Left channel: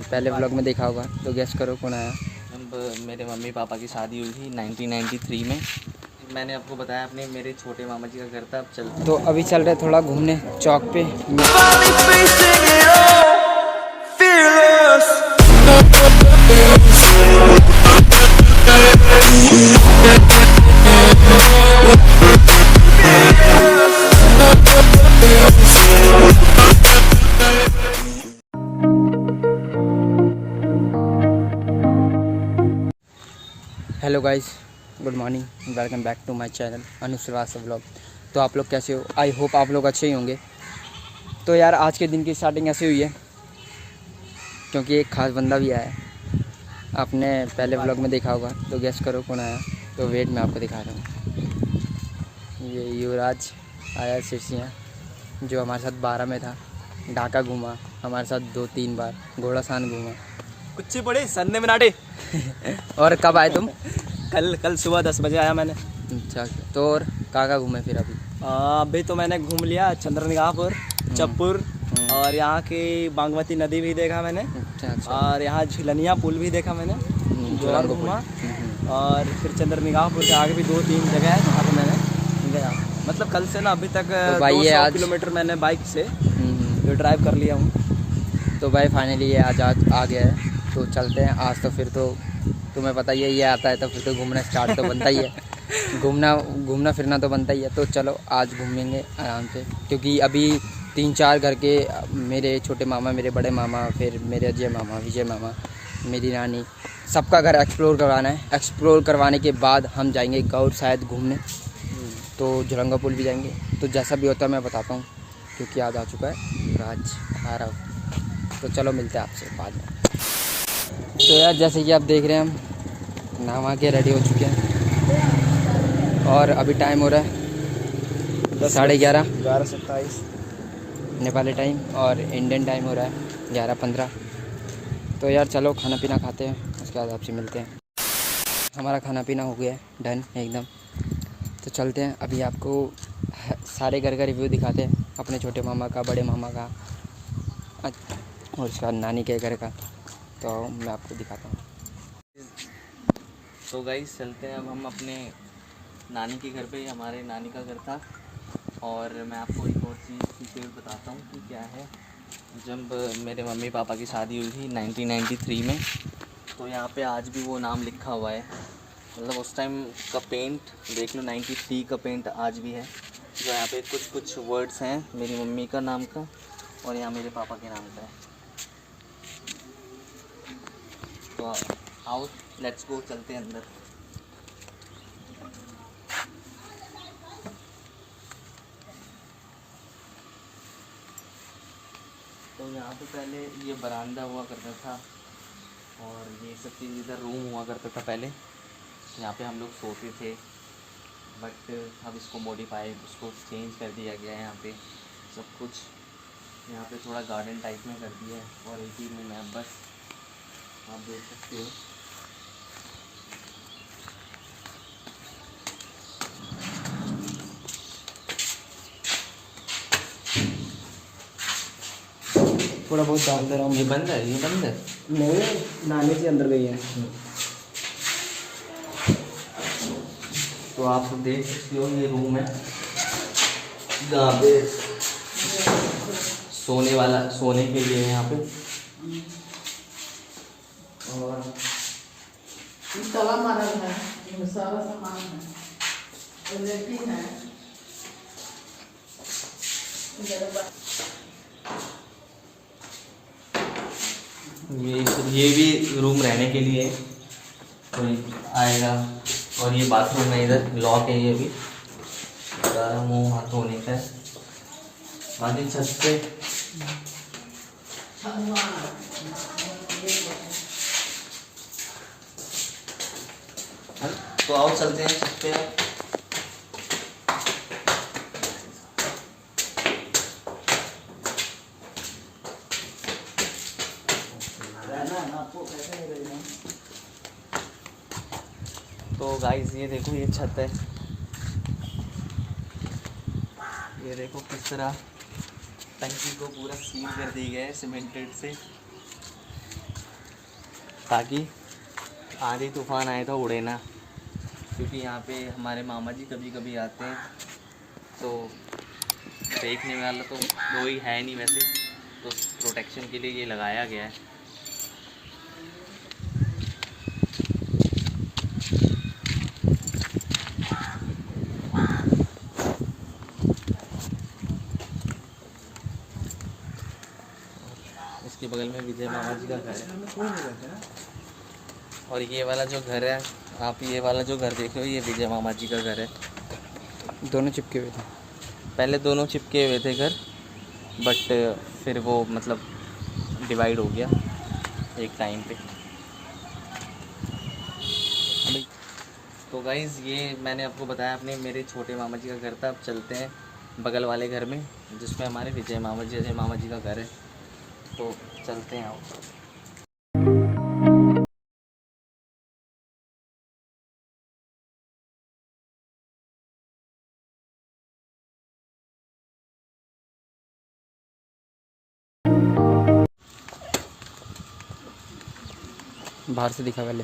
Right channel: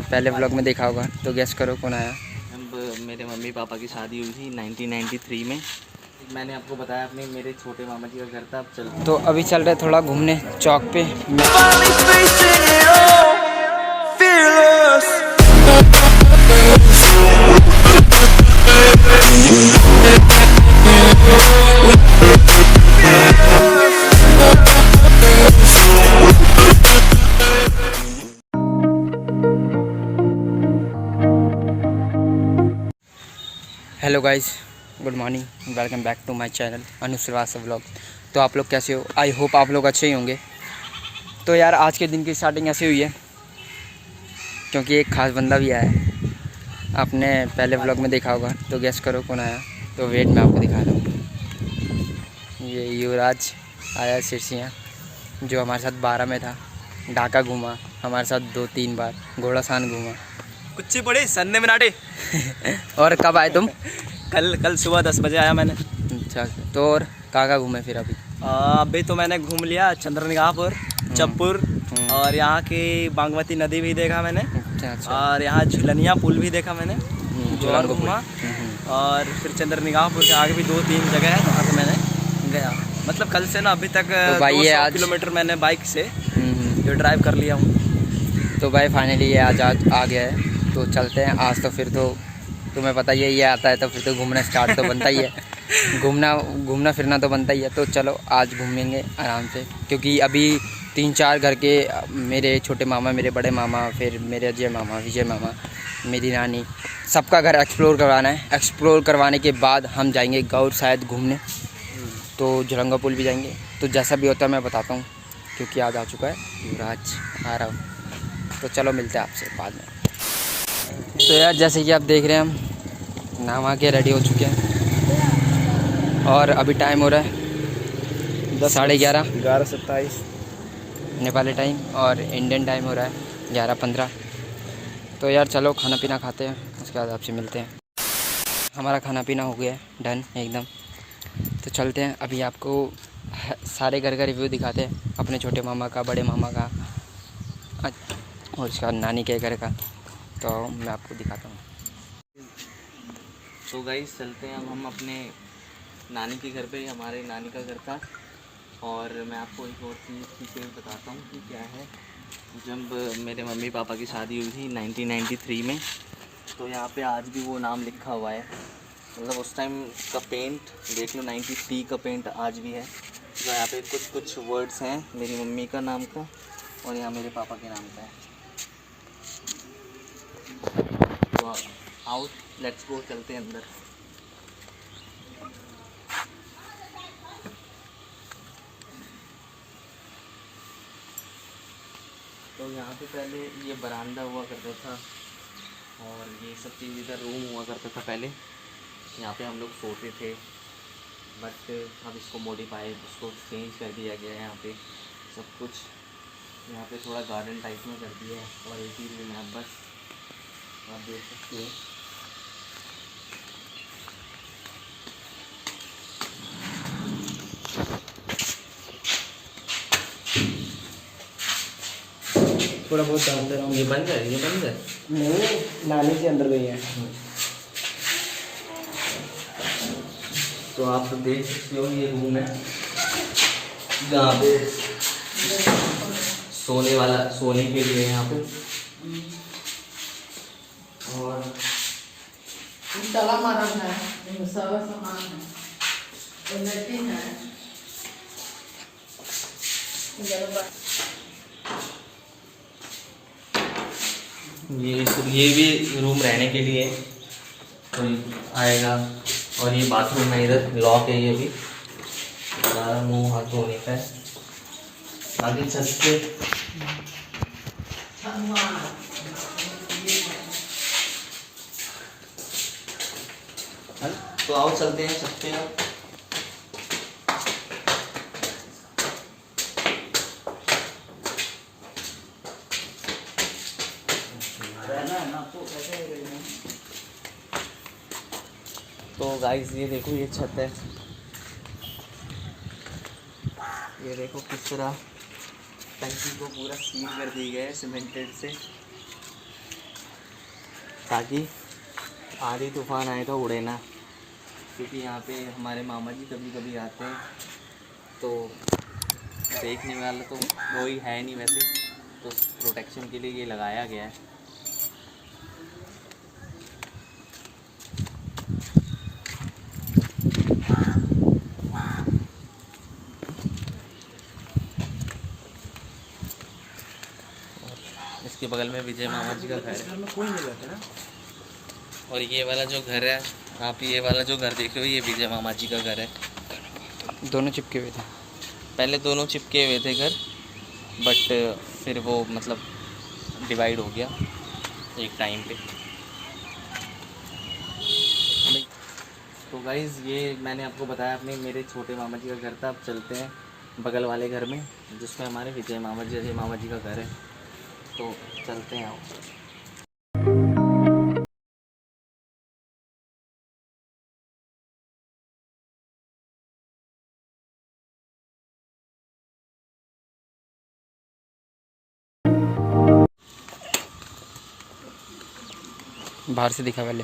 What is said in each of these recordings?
पहले व्लॉग में देखा होगा, तो गेस करो कौन आया। अब मेरे मम्मी पापा की शादी हुई थी 1993 में। मैंने आपको बताया अपने मेरे छोटे मामा जी का घर था। अब चल तो अभी चल रहे थोड़ा घूमने चौक पे। Hello guys, good morning, welcome back to my channel Anu Srivastava vlog. तो आप लोग कैसे हो? आई होप आप लोग अच्छे ही होंगे। तो यार आज के दिन की स्टार्टिंग ऐसे हुई है क्योंकि एक ख़ास बंदा भी आया है। आपने पहले व्लॉग में देखा होगा, तो गेस करो कौन आया। तो वेट मैं आपको दिखा रहा हूँ। ये युवराज आया सिरसियाँ, जो हमारे साथ 12 में था। ढाका घूमा हमारे साथ 2-3 बार, घोड़ासान घूमा। कुछ पड़े सन्ने बनाटे। और कब आए तुम? कल सुबह 10 बजे आया मैंने। अच्छा, तो और कहाँ घूमे फिर अभी? अभी तो मैंने घूम लिया चंद्रनिगाहपुर, चप्पुर और यहाँ की बागमती नदी भी देखा मैंने। अच्छा। और यहाँ झुलनिया पुल भी देखा मैंने, और घूमा। और फिर चंद्रनिगाहपुर के आगे भी 2-3 जगह है जहाँ से मैंने गया। मतलब कल से ना अभी तक तो भाई 200 किलोमीटर मैंने बाइक से जो ड्राइव कर लिया हूँ। तो भाई फाइनली ये आज आ गया है। तो चलते हैं आज। तो फिर तो तुम्हें पता ही है, ये आता है तो फिर तो घूमना स्टार्ट तो बनता ही है। घूमना फिरना तो बनता ही है। तो चलो आज घूमेंगे आराम से, क्योंकि अभी 3-4 घर के मेरे छोटे मामा, मेरे बड़े मामा, फिर मेरे अजय मामा, विजय मामा, मेरी नानी, सबका घर एक्सप्लोर करवाना है। एक्सप्लोर करवाने के बाद हम जाएंगे गौर शायद घूमने, तो झुलंगा पुल भी जाएंगे। तो जैसा भी होता है मैं बताता हूँ, क्योंकि आज आ चुका है युवराज, आ रहा हूँ। तो चलो मिलते हैं आपसे बाद में। तो यार जैसे कि आप देख रहे हैं, हम नहा के रेडी हो चुके हैं और अभी टाइम हो रहा है 11:30 नेपाली टाइम, और इंडियन टाइम हो रहा है 11:15। तो यार चलो खाना पीना खाते हैं, उसके बाद आपसे मिलते हैं। हमारा खाना पीना हो गया है डन एकदम। तो चलते हैं, अभी आपको सारे घर का रिव्यू दिखाते हैं, अपने छोटे मामा का, बड़े मामा का और उसका नानी के घर का। तो मैं आपको दिखाता हूँ। तो गाइस चलते हैं अब हम अपने नानी के घर पे। हमारे नानी का घर था। और मैं आपको एक और चीज़ बताता हूँ कि क्या है। जब मेरे मम्मी पापा की शादी हुई थी 1993 में, तो यहाँ पे आज भी वो नाम लिखा हुआ है। मतलब उस टाइम का पेंट देख लो, 93 का पेंट आज भी है। जो यहाँ पे कुछ वर्ड्स हैं मेरी मम्मी का नाम का, और यहाँ मेरे पापा के नाम का है। तो आओ लेट्स गो, चलते हैं अंदर। तो यहाँ पे पहले ये बरामदा हुआ करता था, और ये सब चीज़ इधर रूम हुआ करता था पहले। यहाँ पे हम लोग सोते थे, बट अब इसको मॉडिफाई, इसको चेंज कर दिया गया है। यहाँ पे सब कुछ, यहाँ पे थोड़ा गार्डन टाइप में कर दिया है। और एक ही रूम है बस, आप देख सकते हो। थोड़ा बहुत डाल दे रहा हूँ। ये बंद है, ये बंद है। नहीं, नानी जी अंदर गई है। तो आप देख सकते हो ये रूम है जहाँ पे सोने के लिए यहाँ पे। और तला मरल है, सारा सामान है, और लेट्रिन है। ये भी रूम रहने के लिए कोई आएगा। और ये बाथरूम है, इधर लॉक है। ये भी सारा मुँह हाथ धोने का है। आगे सस्ते तो आओ चलते हैं छत पे। तो गाइस ये देखो, ये छत है। ये देखो किस तरह टंकी को पूरा सील कर दी गया है सीमेंटेड से। ताकि आंधी तूफान आए तो उड़े ना, क्योंकि यहाँ पे हमारे मामा जी कभी कभी आते हैं तो देखने वाला तो कोई है नहीं वैसे, तो प्रोटेक्शन के लिए ये लगाया गया है। इसके बगल में विजय मामा जी का घर है, और ये वाला जो घर है, आप ये वाला जो घर देख रहे हो, ये विजय मामा जी का घर है। दोनों चिपके हुए थे। पहले दोनों चिपके हुए थे घर, बट फिर वो मतलब डिवाइड हो गया एक टाइम पे। तो गाइज़ ये मैंने आपको बताया अपने मेरे छोटे मामा जी का घर था। अब चलते हैं बगल वाले घर में जिसमें हमारे विजय मामा जी का घर है, तो चलते हैं। आओ। बाहर से दिखा पहले।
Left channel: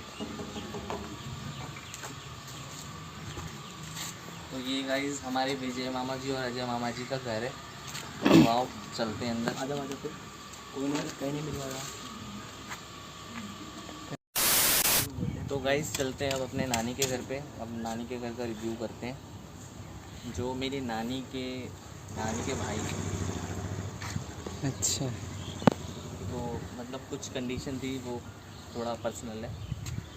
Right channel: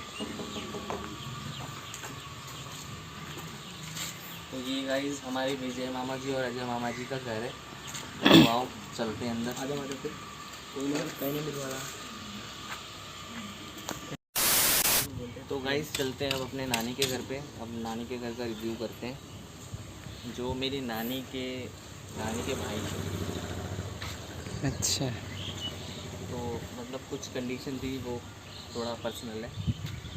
तो ये गाइस हमारे विजय मामा जी और अजय मामा जी का घर है। तो आओ चलते हैं अंदर। आजा आजा, फिर कोई नहीं मिलवाया। तो गाइस चलते हैं अब अपने नानी के घर पे। अब नानी के घर का रिव्यू करते हैं। जो मेरी नानी के भाई हैं। अच्छा, तो मतलब कुछ कंडीशन थी, वो थोड़ा पर्सनल है,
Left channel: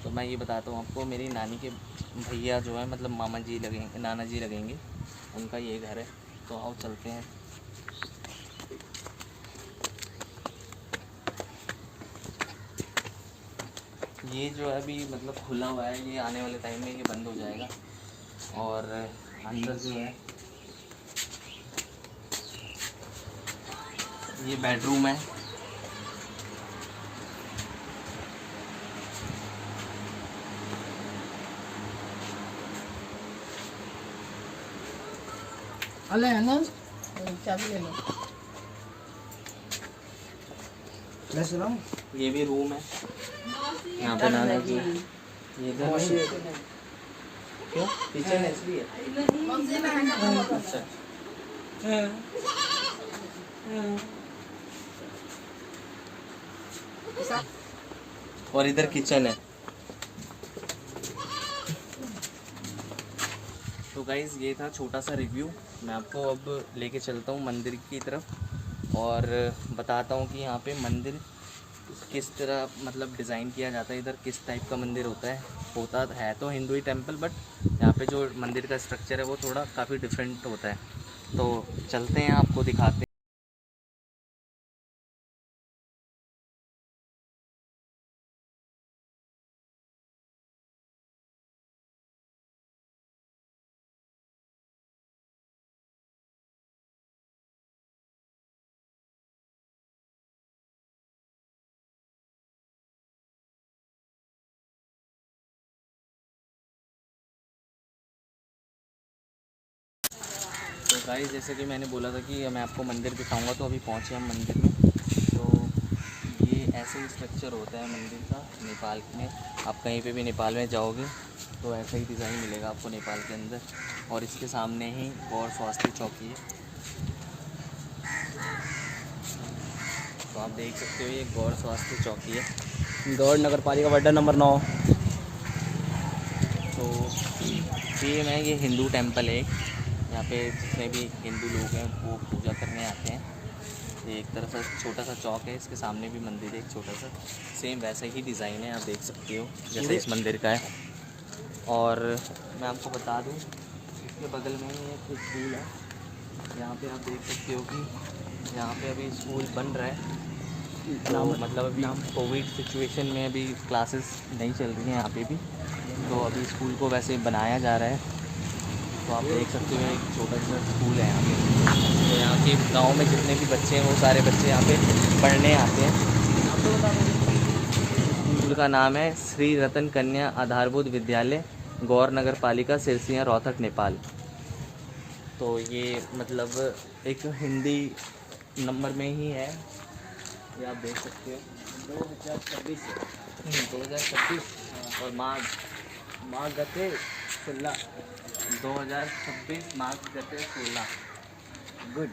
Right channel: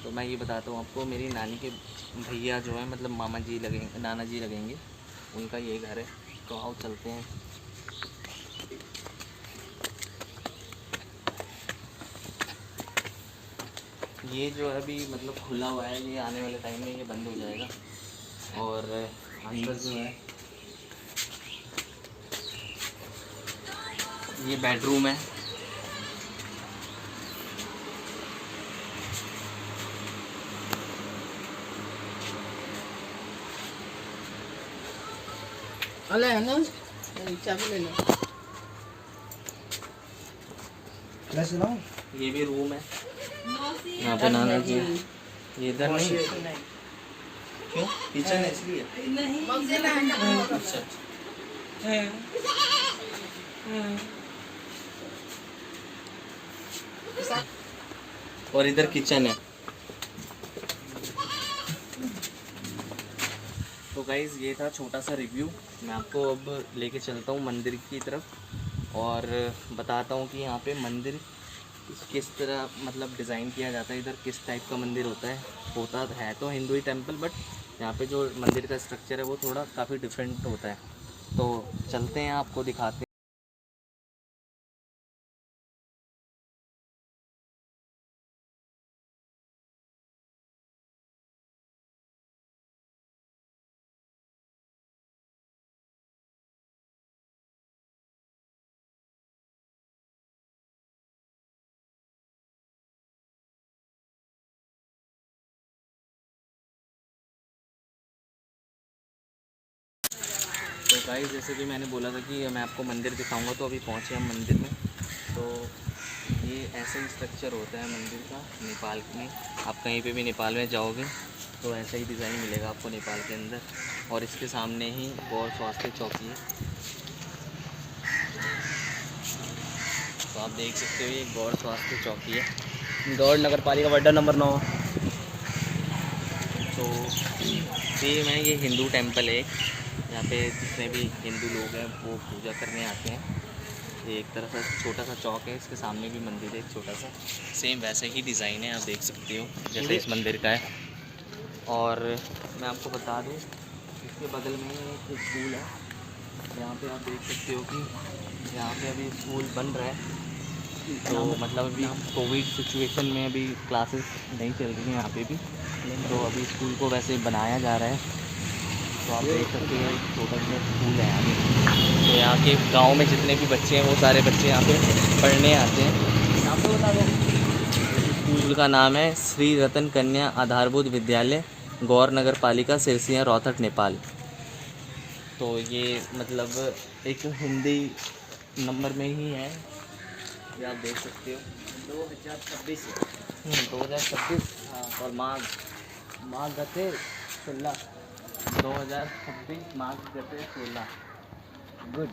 तो मैं ये बताता हूँ आपको। मेरी नानी के भैया जो है मतलब मामा जी लगेंगे, नाना जी लगेंगे, उनका ये घर है। तो आओ चलते हैं। ये जो है अभी मतलब खुला हुआ है, ये आने वाले टाइम में ये बंद हो जाएगा। और अंदर जो है ये बेडरूम है। अले है ना, चाबी ले लो। ये भी रूम है। यहाँ पे नाना जी, ये इधर नहीं है। क्यों? किचन है इसलिए। अच्छा। और इधर किचन है। तो गाइज़ ये था छोटा सा रिव्यू। मैं आपको अब लेके चलता हूँ मंदिर की तरफ और बताता हूँ कि यहाँ पे मंदिर किस तरह मतलब डिज़ाइन किया जाता है। इधर किस टाइप का मंदिर होता है तो हिंदू ही टेम्पल, बट यहाँ पे जो मंदिर का स्ट्रक्चर है वो थोड़ा काफ़ी डिफरेंट होता है। तो चलते हैं, आपको दिखाते हैं। तो गाइस जैसे कि मैंने बोला था कि मैं आपको मंदिर दिखाऊंगा, तो अभी पहुँचे हम मंदिर में। तो ये ऐसे ही स्ट्रक्चर होता है मंदिर का नेपाल में। आप कहीं पे भी नेपाल में जाओगे तो ऐसा ही डिज़ाइन मिलेगा आपको नेपाल के अंदर। और इसके सामने ही गौर स्वास्थ्य चौकी है। तो आप देख सकते हो ये गौर स्वास्थ्य चौकी है, गौड़ नगर पालिका वार्ड नंबर 9। तो सेम है, ये हिंदू टेम्पल है। यहाँ पे जितने भी हिंदू लोग हैं वो पूजा करने आते हैं। ये एक तरह से छोटा सा चौक है, इसके सामने भी मंदिर है एक छोटा सा, सेम वैसे ही डिज़ाइन है, आप देख सकते हो जैसे इस मंदिर का है। और मैं आपको बता दूँ इसके बगल में एक स्कूल है। यहाँ पे आप देख सकते हो कि यहाँ पे अभी स्कूल बन रहा है। तो मतलब अभी कोविड सिचुएशन में अभी क्लासेस नहीं चल रही हैं यहाँ पे भी, तो अभी स्कूल को वैसे बनाया जा रहा है। तो आप देख सकते हो एक छोटा सा स्कूल है यहाँ पे। तो यहाँ के गांव में जितने भी बच्चे हैं वो सारे बच्चे यहाँ पे पढ़ने आते हैं। स्कूल का नाम है श्री रतन कन्या आधारभूत विद्यालय, गौर नगर पालिका, सिरसिया, रोहतक, नेपाल। तो ये मतलब एक हिंदी नंबर में ही है, ये आप देख सकते हो। 2026 और माघ गते 16 2026 माघ गते 16 गुड।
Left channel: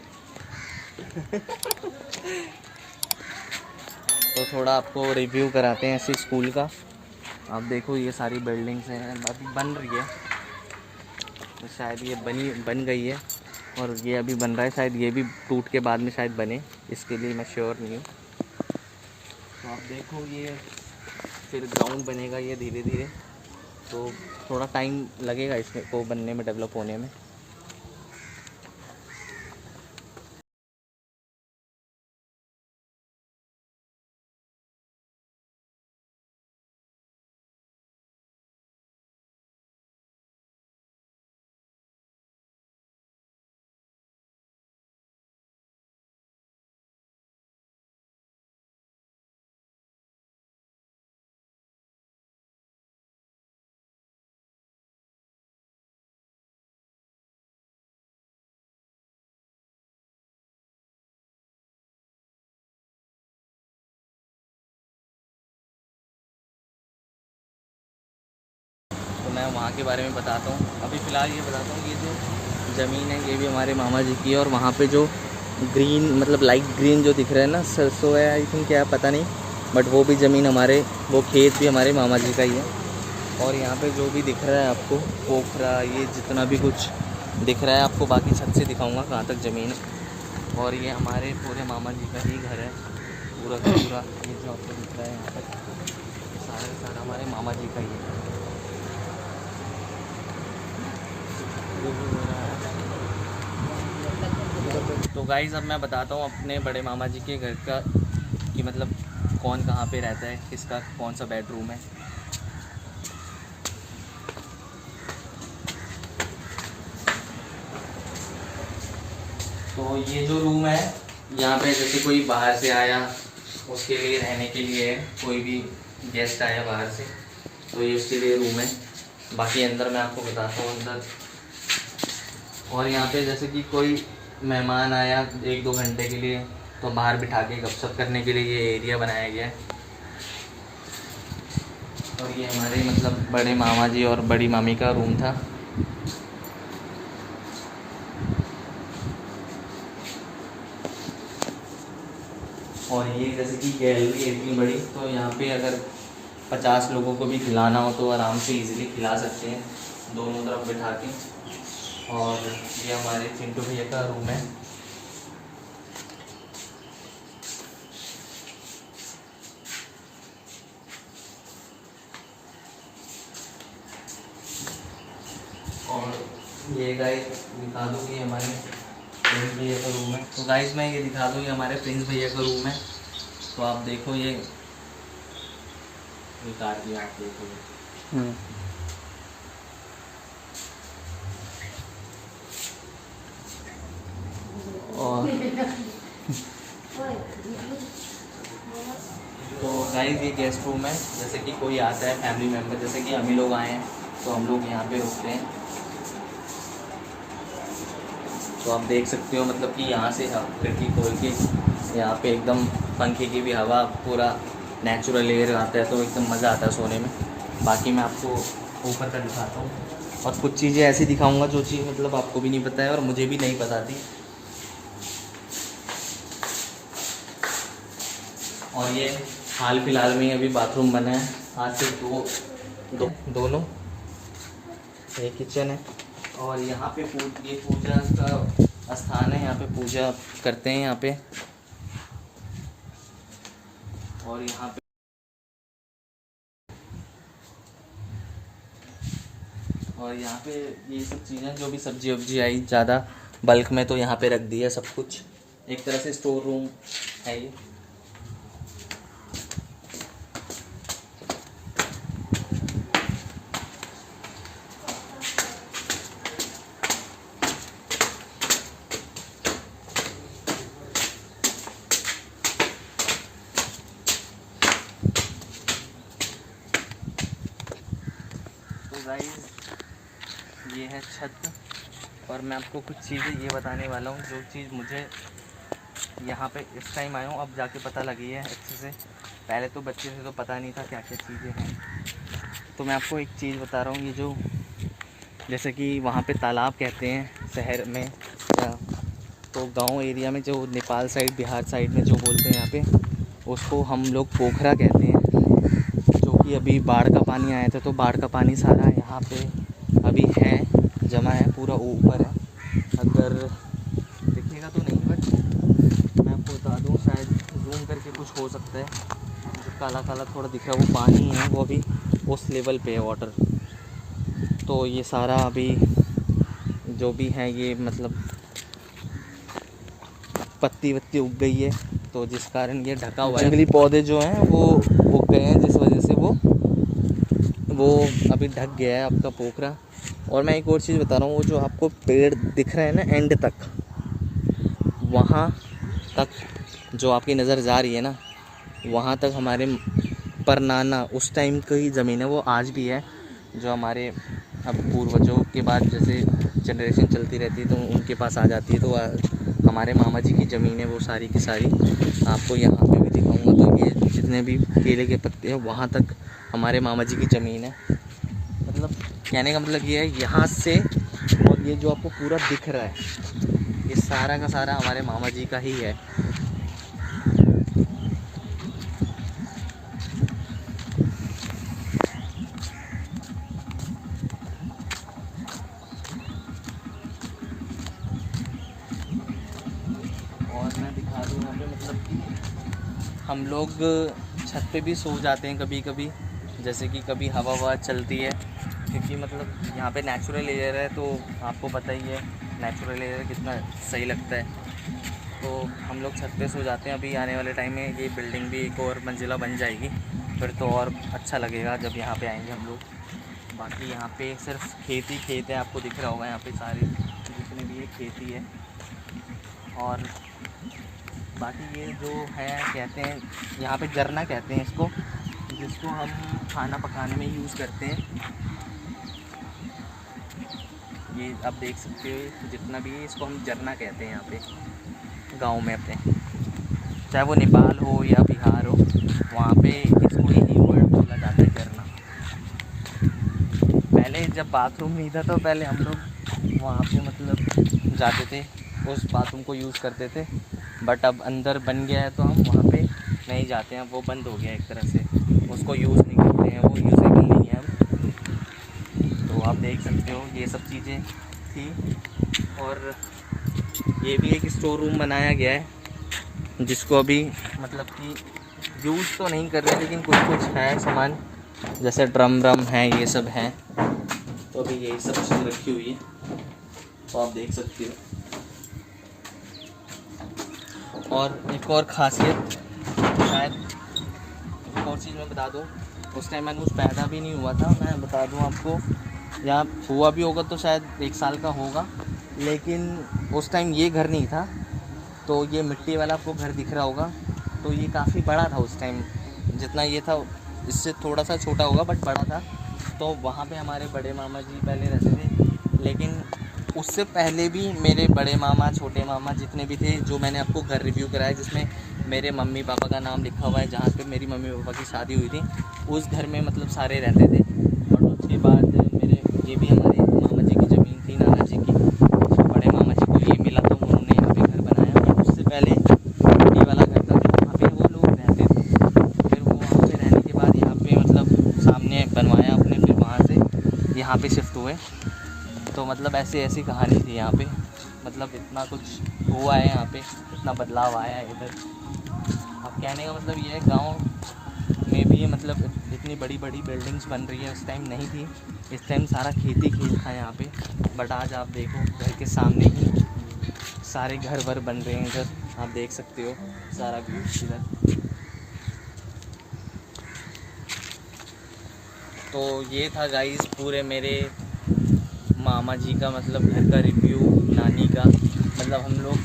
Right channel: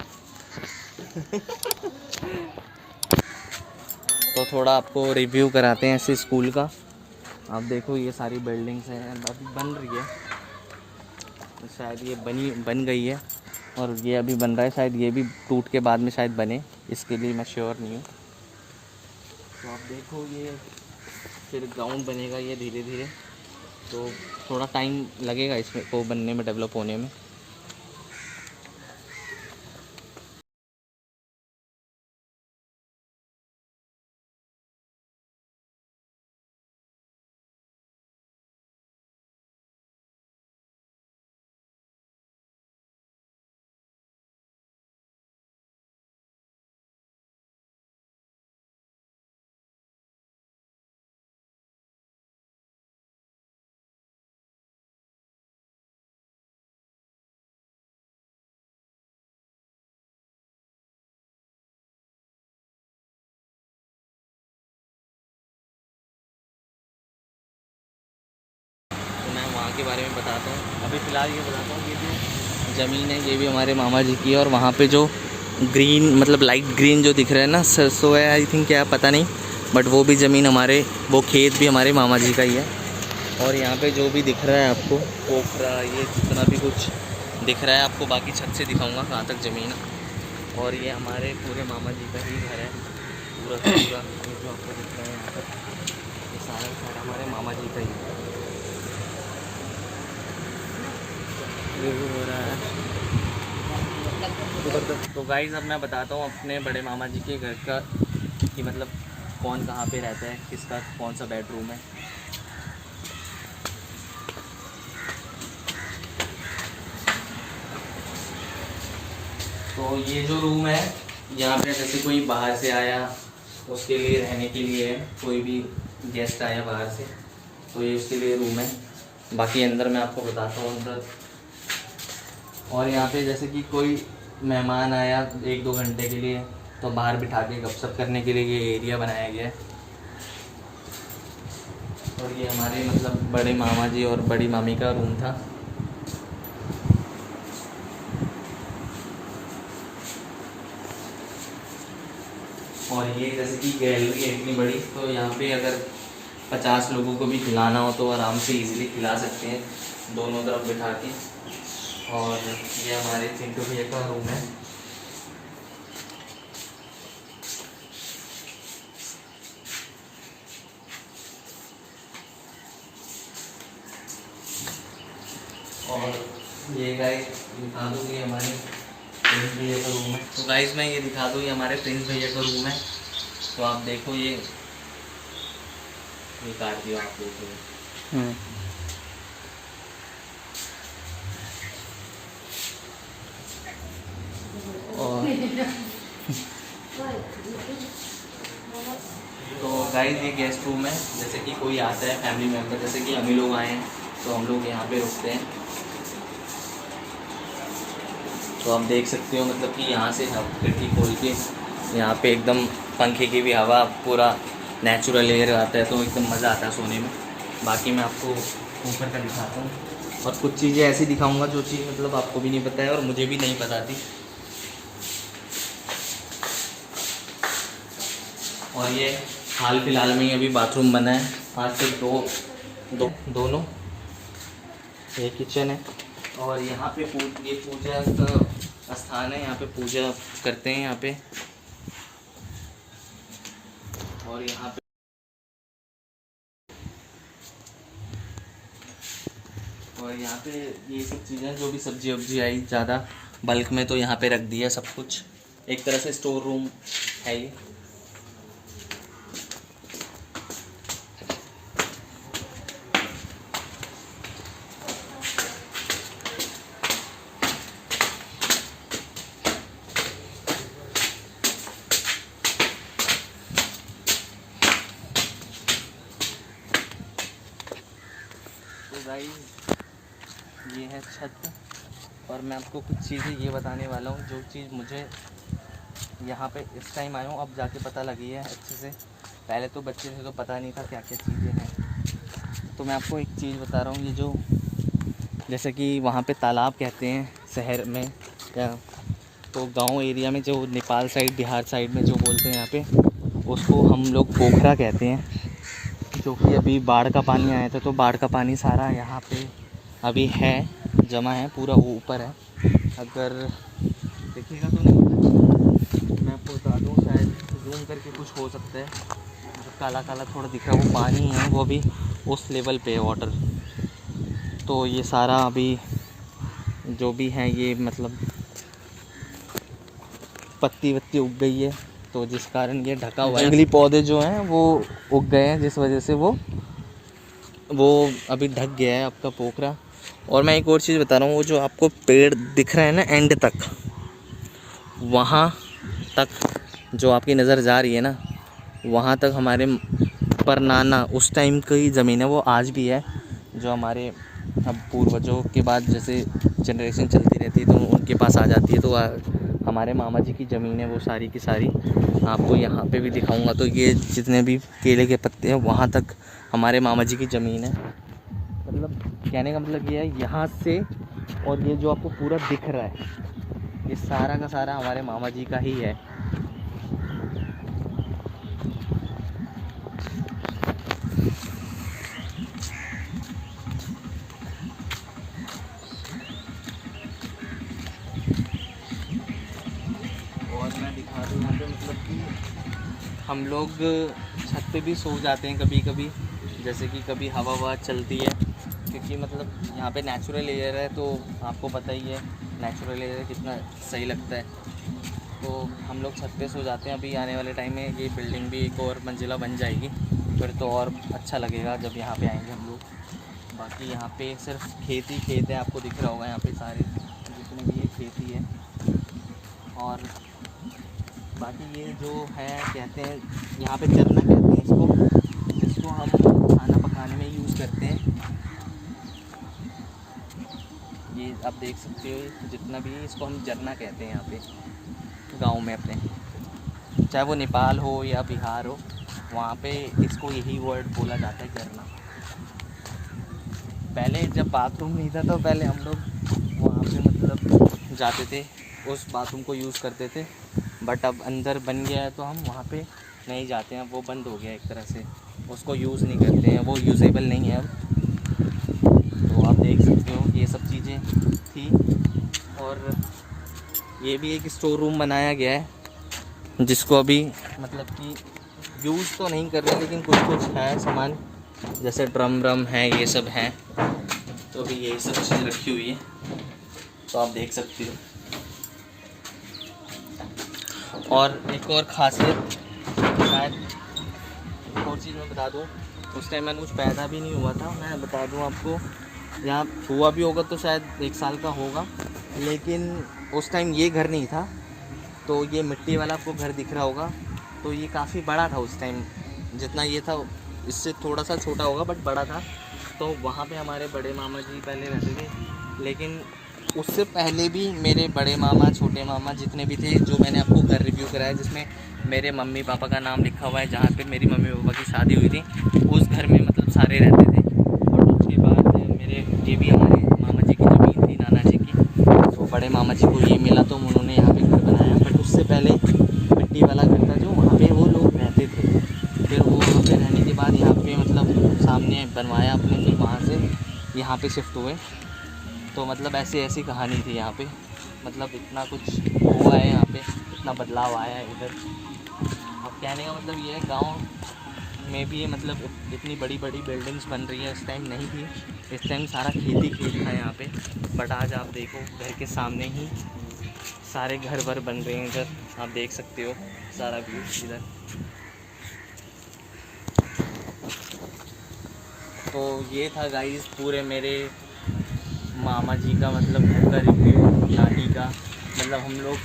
तो थोड़ा आपको रिव्यू कराते हैं इसी स्कूल का। आप देखो ये सारी बिल्डिंग्स हैं, अभी बन रही है, तो शायद ये बन गई है और ये अभी बन रहा है, शायद ये भी टूट के बाद में शायद बने, इसके लिए मैं श्योर नहीं हूँ। तो आप देखो ये फिर ग्राउंड बनेगा ये धीरे धीरे, तो थोड़ा टाइम लगेगा इसमें तो बनने में, डेवलप होने में। मैं वहाँ के बारे में बताता हूँ। अभी फ़िलहाल ये बताता हूँ, ये जो ज़मीन है ये भी हमारे मामा जी की है, और वहाँ पे जो ग्रीन मतलब लाइट ग्रीन जो दिख रहा है ना, सरसों है आई थिंक, क्या पता नहीं, बट वो भी ज़मीन हमारे, वो खेत भी हमारे मामा जी का ही है। और यहाँ पे जो भी दिख रहा है आपको पोखरा, ये जितना भी कुछ दिख रहा है आपको, बाकी छत से दिखाऊँगा कहाँ तक ज़मीन है। और ये हमारे पूरे मामा जी का ही घर है, पूरा का पूरा ये जो आपको दिख रहा है यहाँ पर, ये सारा हमारे मामा जी का ही है। तो गाइज़ अब मैं बताता हूँ अपने बड़े मामा जी के घर का, कि मतलब कौन कहाँ पे रहता है, किसका कौन सा बेडरूम है। तो ये जो रूम है, यहाँ पे जैसे कोई बाहर से आया उसके लिए रहने के लिए है, कोई भी गेस्ट आया बाहर से तो ये उसके लिए रूम है। बाकी अंदर मैं आपको बताता हूँ अंदर। और यहाँ पे जैसे कि कोई मेहमान आया 1-2 घंटे के लिए, तो बाहर बिठा के गपशप करने के लिए ये एरिया बनाया गया है। और ये हमारे मतलब बड़े मामा जी और बड़ी मामी का रूम था। और ये जैसे कि गैलरी है इतनी बड़ी, तो यहाँ पे अगर 50 लोगों को भी खिलाना हो तो आराम से इजीली खिला सकते हैं, दोनों तरफ बिठा के। और ये हमारे चिंटू भैया का रूम है। और ये गाइस दिखा दूँ कि हमारे प्रिंस भैया का रूम है। तो गाइस मैं ये दिखा दूँ, ये हमारे प्रिंस भैया का रूम है। तो आप देखो ये काट दिया, आप देखो। और तो गाइस ये गेस्ट रूम है, जैसे कि कोई आता है फैमिली मेम्बर, जैसे कि हम ही लोग आए हैं तो हम लोग यहाँ पे रुकते हैं। तो आप देख सकते हो मतलब कि यहाँ से हम खिड़की खोल के यहाँ पे एकदम पंखे की भी हवा, पूरा नेचुरल एयर आता है, तो एकदम मज़ा आता है सोने में। बाकी मैं आपको ऊपर का दिखाता हूँ और कुछ चीज़ें ऐसी दिखाऊंगा जो चीज़ मतलब आपको भी नहीं पता है और मुझे भी नहीं पता थी। और ये हाल फिलहाल में ही अभी बाथरूम बना है, आज से दोनों। ये किचन है और यहाँ पे ये पूजा का स्थान है, यहाँ पे पूजा करते हैं यहाँ पे। और यहाँ पे ये सब चीज़ें जो भी सब्जी वब्जी आई ज़्यादा बल्क में, तो यहाँ पे रख दिया सब कुछ, एक तरह से स्टोर रूम है ये। तो गाइस ये है छत, और मैं आपको कुछ चीज़ें ये बताने वाला हूँ जो चीज़ मुझे यहाँ पे इस टाइम आया हूँ, अब जाके पता लगी है अच्छे से पहले तो बच्चे थे तो पता नहीं था क्या क्या चीज़ें हैं। तो मैं आपको एक चीज़ बता रहा हूँ, ये जो जैसे कि वहाँ पे तालाब कहते हैं शहर में, या तो गांव एरिया में जो नेपाल साइड बिहार साइड में जो बोलते हैं यहाँ पे, उसको हम लोग पोखरा कहते हैं। जो कि अभी बाढ़ का पानी आया था तो बाढ़ का पानी सारा यहाँ पे अभी है, जमा है, पूरा ऊपर है। अगर दिखेगा तो नहीं, बट मैं आपको बता दूँ, शायद जूम करके कुछ हो सकता है, जो काला काला थोड़ा दिख रहा है वो पानी है, वो अभी उस लेवल पे है वाटर। तो ये सारा अभी जो भी है ये मतलब पत्ती वत्ती उग गई है, तो जिस कारण ये ढका हुआ है। जंगली पौधे जो हैं वो उग गए हैं, जिस वजह से वो अभी ढक गया है आपका पोखरा। और मैं एक और चीज़ बता रहा हूँ, वो जो आपको पेड़ दिख रहे हैं ना एंड तक, वहाँ तक जो आपकी नज़र जा रही है ना, वहाँ तक हमारे परनाना उस टाइम की ज़मीन है, वो आज भी है। जो हमारे अब पूर्वजों के बाद जैसे जनरेशन चलती रहती है तो उनके पास आ जाती है, तो हमारे मामा जी की ज़मीन है वो सारी की सारी। आपको यहाँ पे भी दिखाऊंगा, तो ये जितने भी केले के पत्ते हैं वहाँ तक हमारे मामा जी की ज़मीन है। मतलब कहने का मतलब ये है, यहाँ से और ये जो आपको पूरा दिख रहा है, ये सारा का सारा हमारे मामा जी का ही है। और मैं दिखा दूँ यहाँ पे, मतलब कि हम लोग छत पे भी सो जाते हैं कभी कभी, जैसे कि कभी हवा ववा चलती है, क्योंकि मतलब यहाँ पे नेचुरल एयर है, तो आपको पता ही है नेचुरल एयर कितना सही लगता है। तो हम लोग छत पे सो जाते हैं। अभी आने वाले टाइम में ये बिल्डिंग भी एक और मंजिला बन जाएगी, फिर तो और अच्छा लगेगा जब यहाँ पे आएंगे हम लोग। बाकी यहाँ पे सिर्फ खेत ही खेत है, आपको दिख रहा होगा यहाँ पे सारे जितने भी ये खेती है। और बाकी ये जो है कहते हैं यहाँ पे चरना कहते हैं इसको, जिसको हम खाना पकाने में यूज़ करते हैं। ये आप देख सकते हो जितना भी है, इसको हम जरना कहते हैं यहाँ पे गांव में अपने, चाहे वो नेपाल हो या बिहार हो, वहाँ पे इसको ही वर्ड बोला जाता है जरना। पहले जब बाथरूम नहीं था तो पहले हम लोग वहाँ पे मतलब जाते थे, उस बाथरूम को यूज़ करते थे, बट अब अंदर बन गया है तो हम वहाँ पे नहीं जाते हैं, वो बंद हो गया एक तरह से, उसको यूज़ नहीं करते हैं, वो यूज़ेबल नहीं है अब। तो आप देख सकते हो ये सब चीज़ें थी। और ये भी एक स्टोर रूम बनाया गया है, जिसको अभी मतलब कि यूज़ तो नहीं कर रहे, लेकिन कुछ कुछ है सामान, जैसे ड्रम है, ये सब है। तो अभी यही सब चीज़ रखी हुई है, तो आप देख सकते हो। और एक और ख़ासियत, शायद एक और चीज़ मैं बता दूं, उस टाइम मैं कुछ पैदा भी नहीं हुआ था, मैं बता दूं आपको, यहाँ हुआ भी होगा तो शायद 1 साल का होगा, लेकिन उस टाइम ये घर नहीं था। तो ये मिट्टी वाला आपको घर दिख रहा होगा, तो ये काफ़ी बड़ा था उस टाइम, जितना ये था इससे थोड़ा सा छोटा होगा बट बड़ा था। तो वहाँ पे हमारे बड़े मामा जी पहले रहते थे, लेकिन उससे पहले भी मेरे बड़े मामा छोटे मामा जितने भी थे, जो मैंने आपको घर रिव्यू कराया जिसमें मेरे मम्मी पापा का नाम लिखा हुआ है, जहाँ पे मेरी मम्मी पापा की शादी हुई थी, उस घर में मतलब सारे रहते थे। और उसके बाद मेरे ये भी हमारे मामा जी की ज़मीन थी, नाना जी की, बड़े मामा जी को ये मिला तो उन्होंने यहाँ पे घर बनाया। बट उससे पहले मिट्टी वाला घर था जो वहाँ पे वो लोग रहते थे, फिर वो वहाँ पे रहने के बाद यहाँ पे मतलब सामने बनवाया अपने, फिर वहाँ से यहाँ पे शिफ्ट हुए। तो मतलब ऐसी कहानी थी यहाँ पे, मतलब इतना कुछ हुआ है यहाँ पे, इतना बदलाव आया है इधर। अब कहने का मतलब ये है, गांव में भी मतलब इतनी बड़ी बड़ी बिल्डिंग्स बन रही है, इस टाइम नहीं थी, इस टाइम सारा खेती खेत था यहाँ पे। बट आज आप देखो घर के सामने ही सारे घर वर बन रहे हैं, इधर आप देख सकते हो सारा व्यू इधर। तो ये था गाइस पूरे मेरे मामा जी का मतलब घर का रिव्यू, नानी का मतलब हम लोग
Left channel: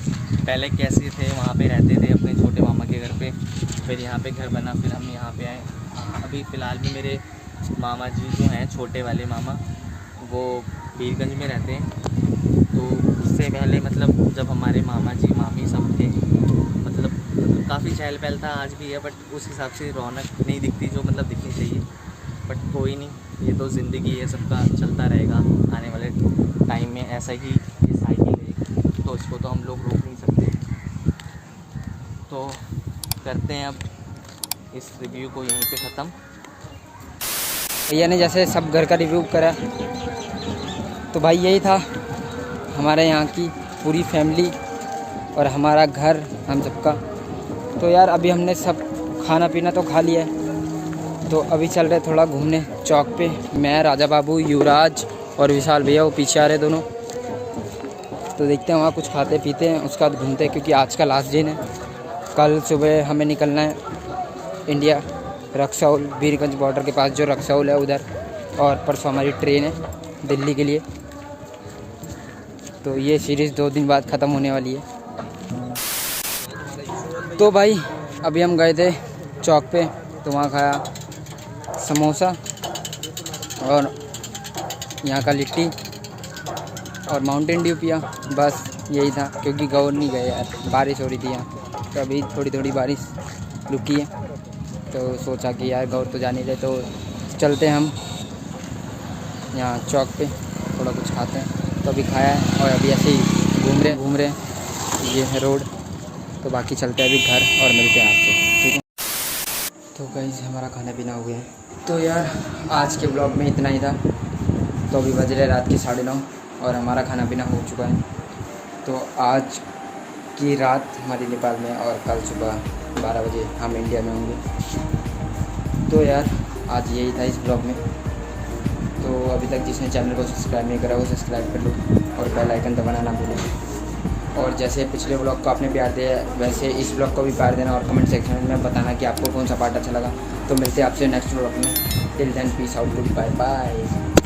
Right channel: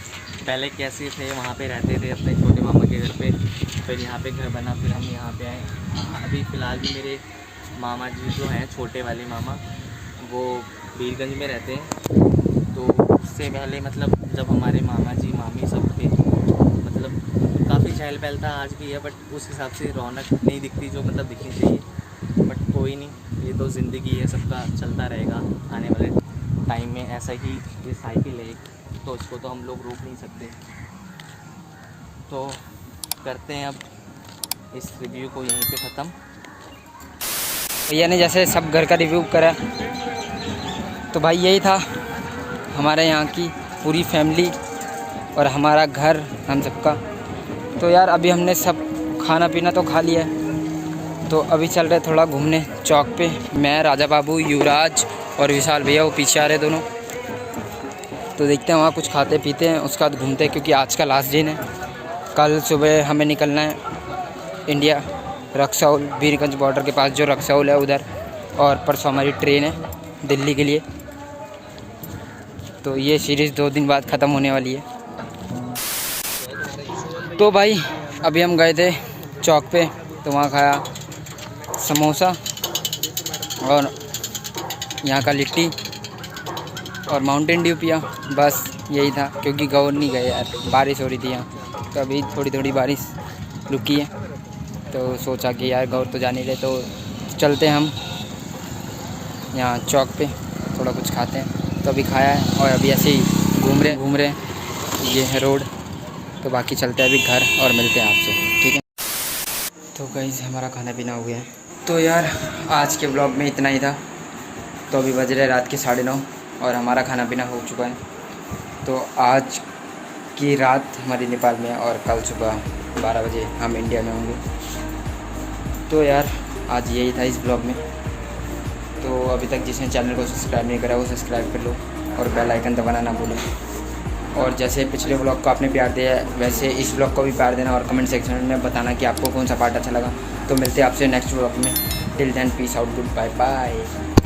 पहले कैसे थे, वहाँ पे रहते थे अपने छोटे मामा के घर पे, फिर यहाँ पे घर बना, फिर हम यहाँ पे आए। अभी फ़िलहाल में मेरे मामा जी जो हैं छोटे वाले मामा, वो बीरगंज में रहते हैं। तो उससे पहले मतलब जब हमारे मामा जी मामी सब थे, मतलब मतलब काफ़ी चहल पहल था, आज भी है, बट उस हिसाब से रौनक नहीं दिखती जो मतलब दिखनी चाहिए। बट कोई नहीं, ये तो ज़िंदगी है, सबका चलता रहेगा। आने वाले टाइम में ऐसा ही ये साइकिल है, तो इसको तो हम लोग रोक नहीं सकते। तो करते हैं अब इस रिव्यू को यहीं पे ख़त्म। भैया ने जैसे सब घर का रिव्यू करा, तो भाई यही था हमारे यहाँ की पूरी फैमिली और हमारा घर हम सबका। तो यार अभी हमने सब खाना पीना तो खा लिया है, तो अभी चल रहे थोड़ा घूमने चौक पे। मैं, राजा बाबू, युवराज और विशाल भैया वो पीछे आ रहे दोनों। तो देखते हैं वहाँ कुछ खाते पीते हैं, उसके बाद घूमते हैं, क्योंकि आज का लास्ट दिन है। कल सुबह हमें निकलना है इंडिया, रक्सौल, वीरगंज बॉर्डर के पास जो रक्सौल है उधर, और परसों हमारी ट्रेन है दिल्ली के लिए। तो ये सीरीज़ 2 दिन बाद ख़त्म होने वाली है। तो भाई अभी हम गए थे चौक पे, तो वहाँ खाया समोसा और यहाँ का लिट्टी और माउंटेन ड्यू पिया, बस यही था। क्योंकि गौर नहीं गए यार, बारिश हो रही थी यहाँ, तो अभी थोड़ी थोड़ी बारिश रुकी है, तो सोचा कि यार गौर तो जा नहीं रहे, तो चलते हैं हम यहाँ चौक पे, थोड़ा कुछ खाते हैं। तो अभी खाया है और अभी ऐसे ही घूम रहे हैं। ये है रोड, तो बाकी चलते हैं अभी घर और मिलते हैं आपसे, ठीक है। तो गाइस हमारा खाना पीना हो गया है। तो यार आज के ब्लॉग में इतना ही था। तो अभी बज रहे रात के 9:30 और हमारा खाना पीना हो चुका है। तो आज की रात हमारी नेपाल में और कल सुबह 12 बजे हम इंडिया में होंगे। तो यार आज यही था इस ब्लॉग में। तो अभी तक जिसने चैनल को सब्सक्राइब नहीं करा वो सब्सक्राइब कर लो और बेल आइकन दबाना ना भूलें। और जैसे पिछले ब्लॉग को आपने प्यार दिया है, वैसे इस ब्लॉग को भी प्यार देना और कमेंट सेक्शन में बताना कि आपको कौन सा पार्ट अच्छा लगा। तो मिलते हैं आपसे नेक्स्ट ब्लॉग में। Till then peace out, goodbye bye.